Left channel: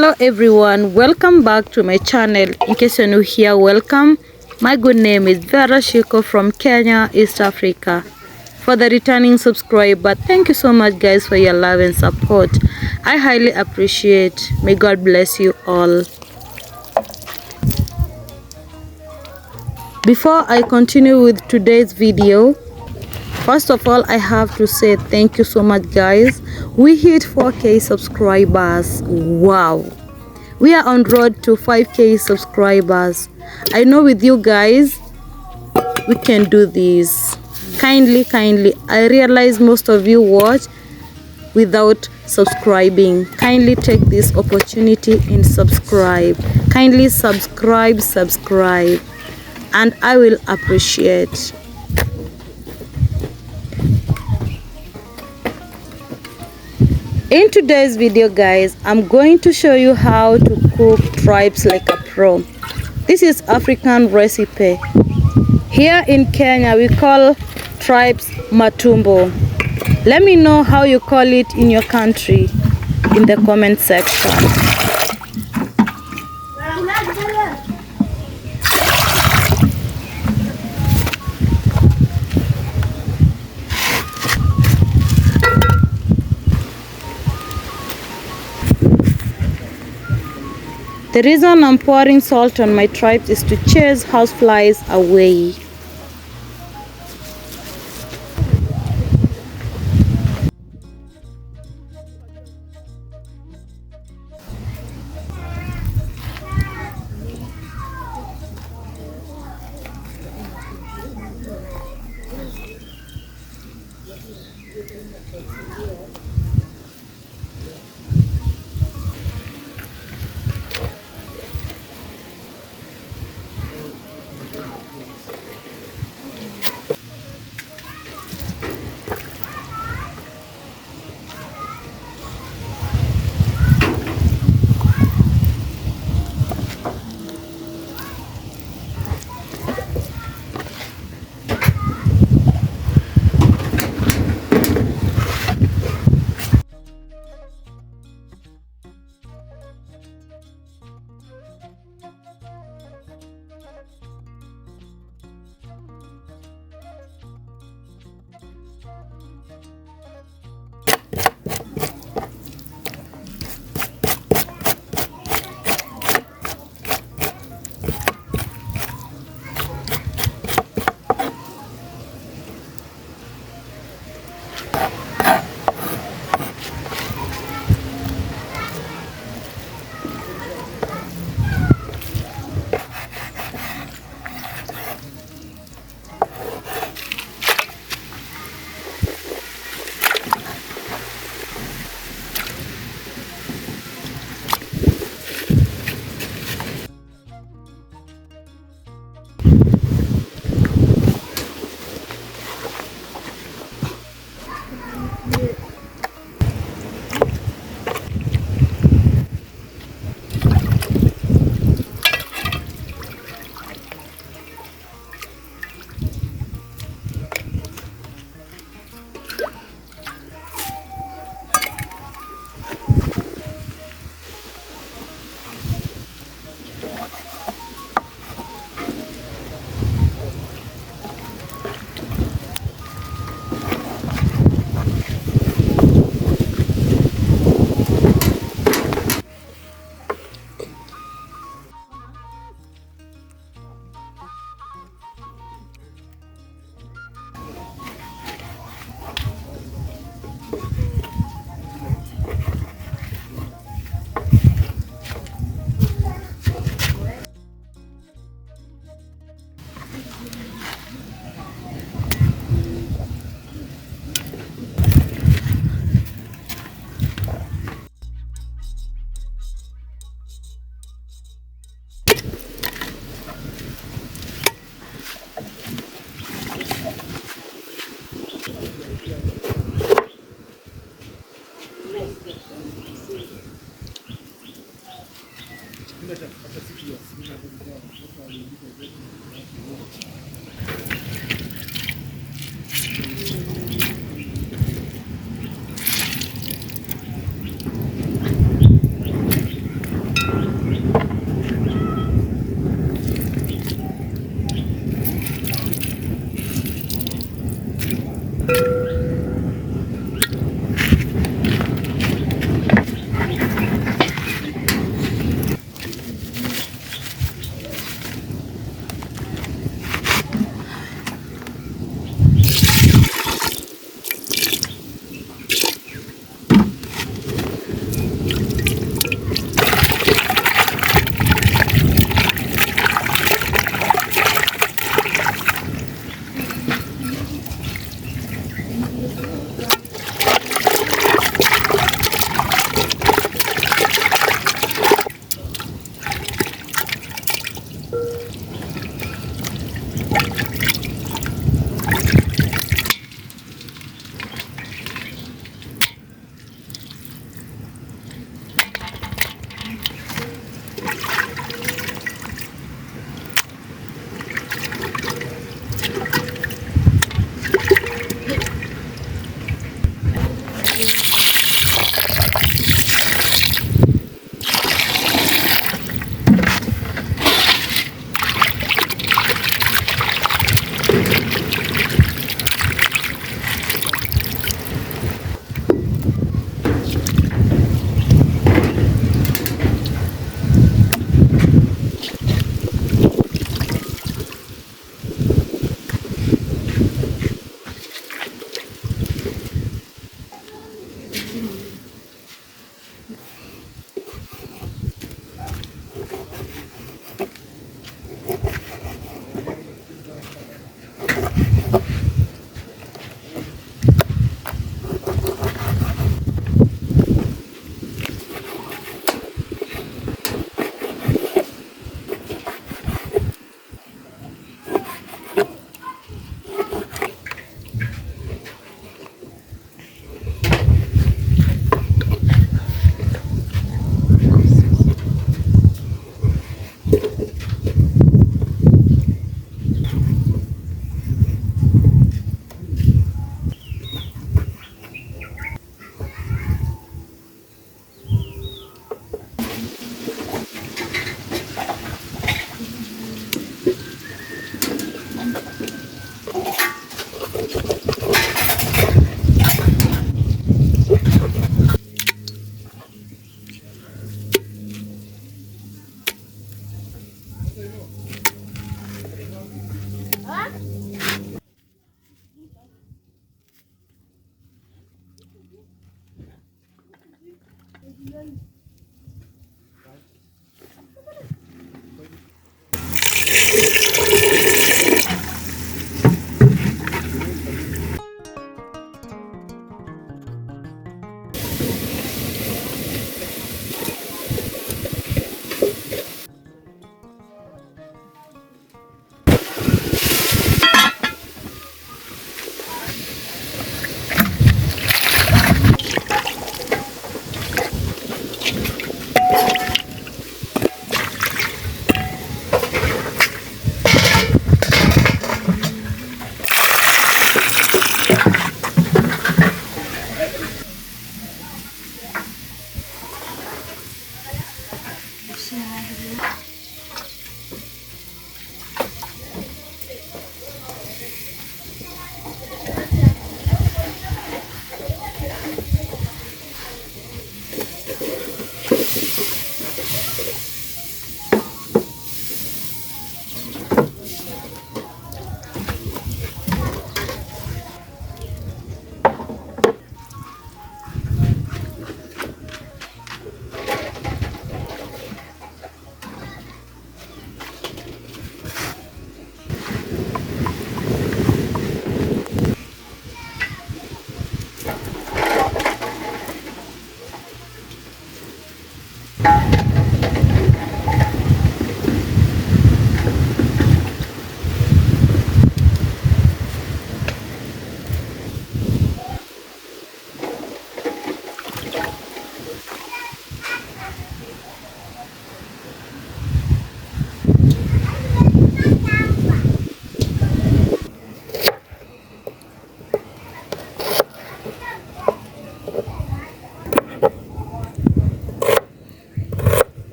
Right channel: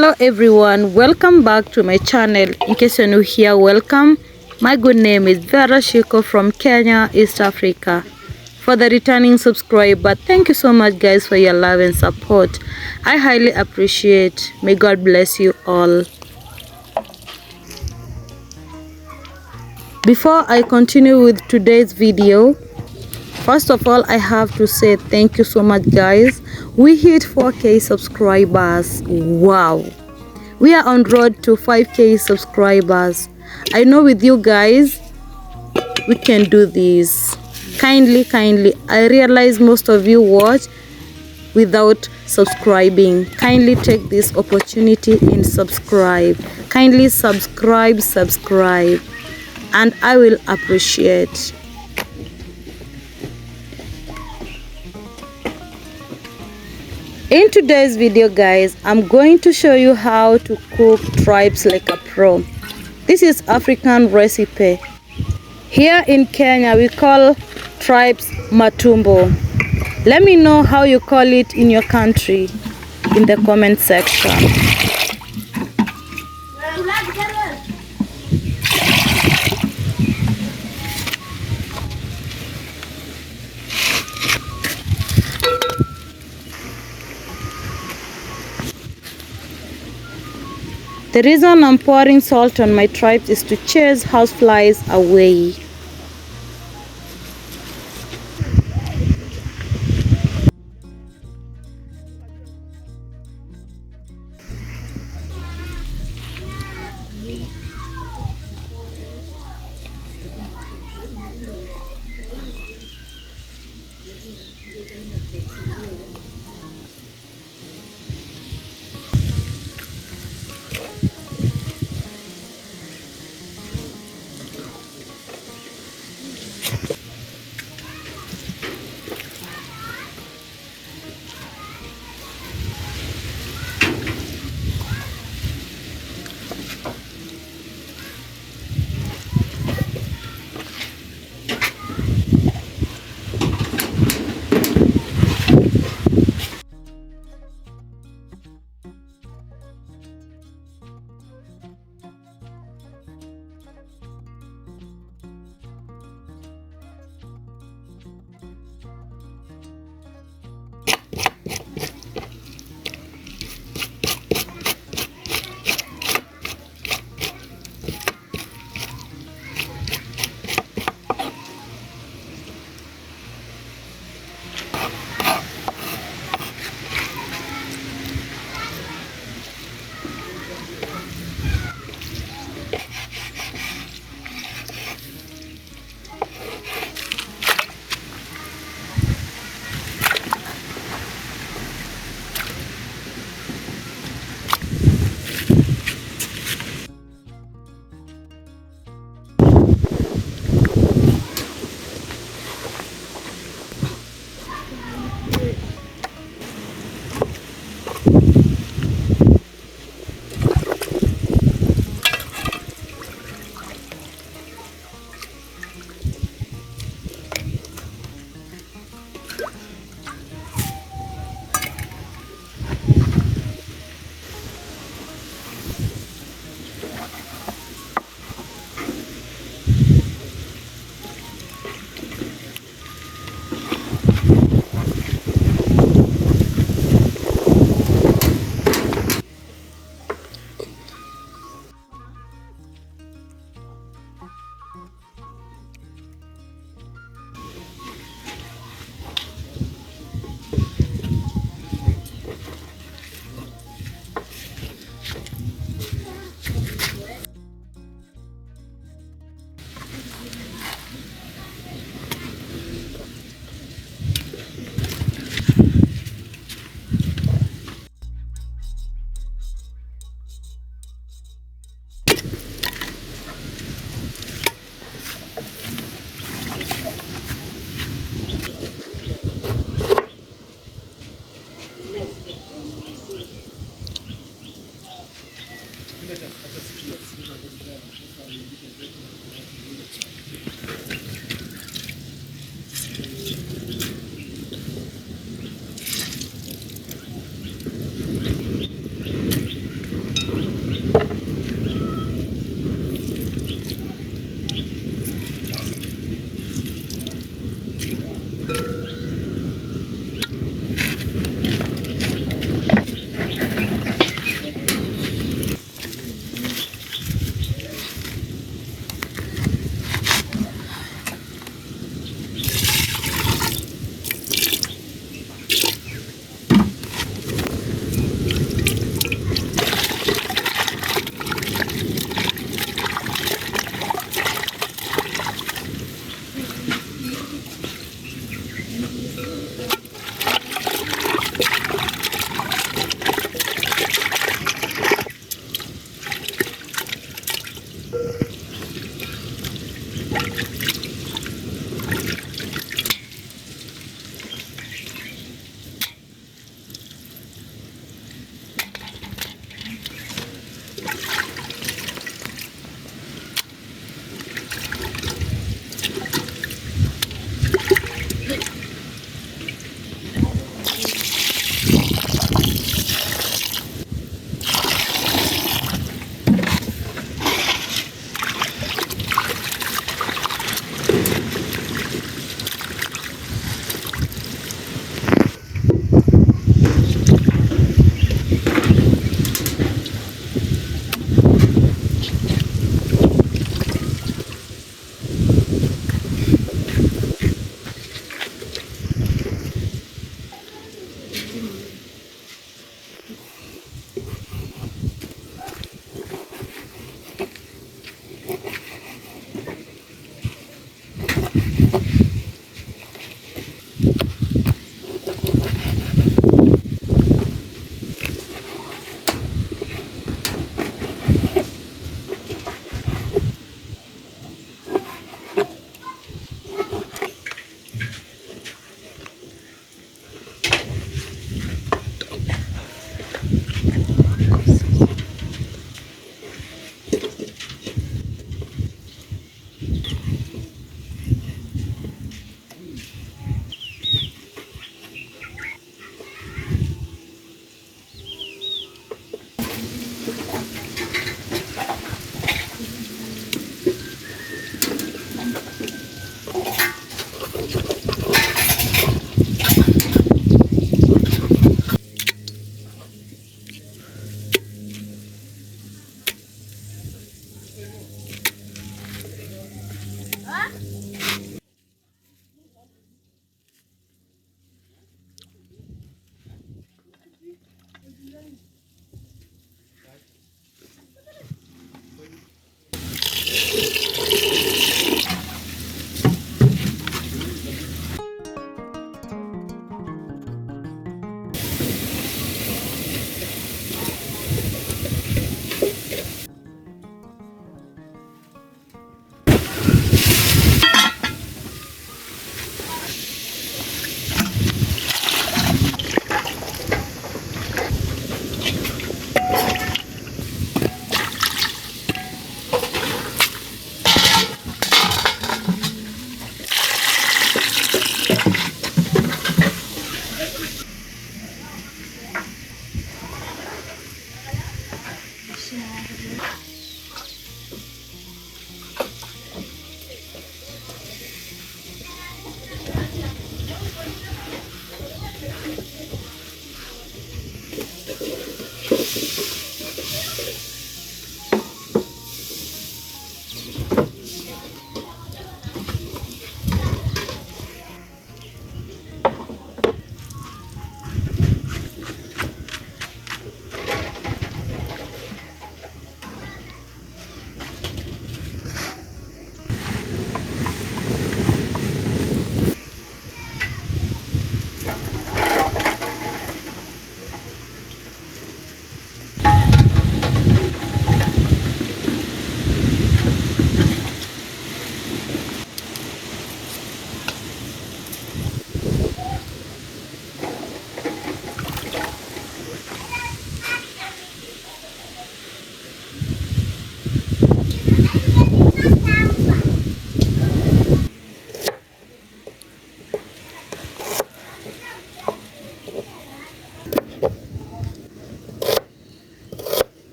Hello everyone, welcome back to my channel. In case you're new here, welcome. My good name is Vera Shiko from Kenya, East Africa. For the returning subscriber, thank you so much guys for your love and support. I highly appreciate. May God bless you all. Before I continue with today's video, first of all, I have to say thank you so much guys. We hit 4K subscribers. Wow. We are on road to 5K subscribers. I know with you guys, we can do this. Kindly, I realize most of you watch without subscribing. Kindly take this opportunity and subscribe. Kindly subscribe, and I will appreciate. In today's video guys, I'm going to show you how to cook tripes like a pro. This is African recipe. Here in Kenya we call tripes matumbo. Let me know how you call it in your country in the comment section. The reason I'm pouring salt on my tripes is to chase houseflies away.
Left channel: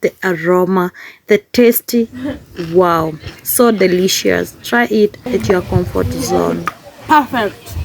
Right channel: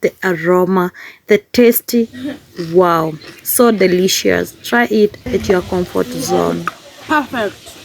The aroma, the tasty, wow, so delicious. Try it at your comfort zone. Perfect.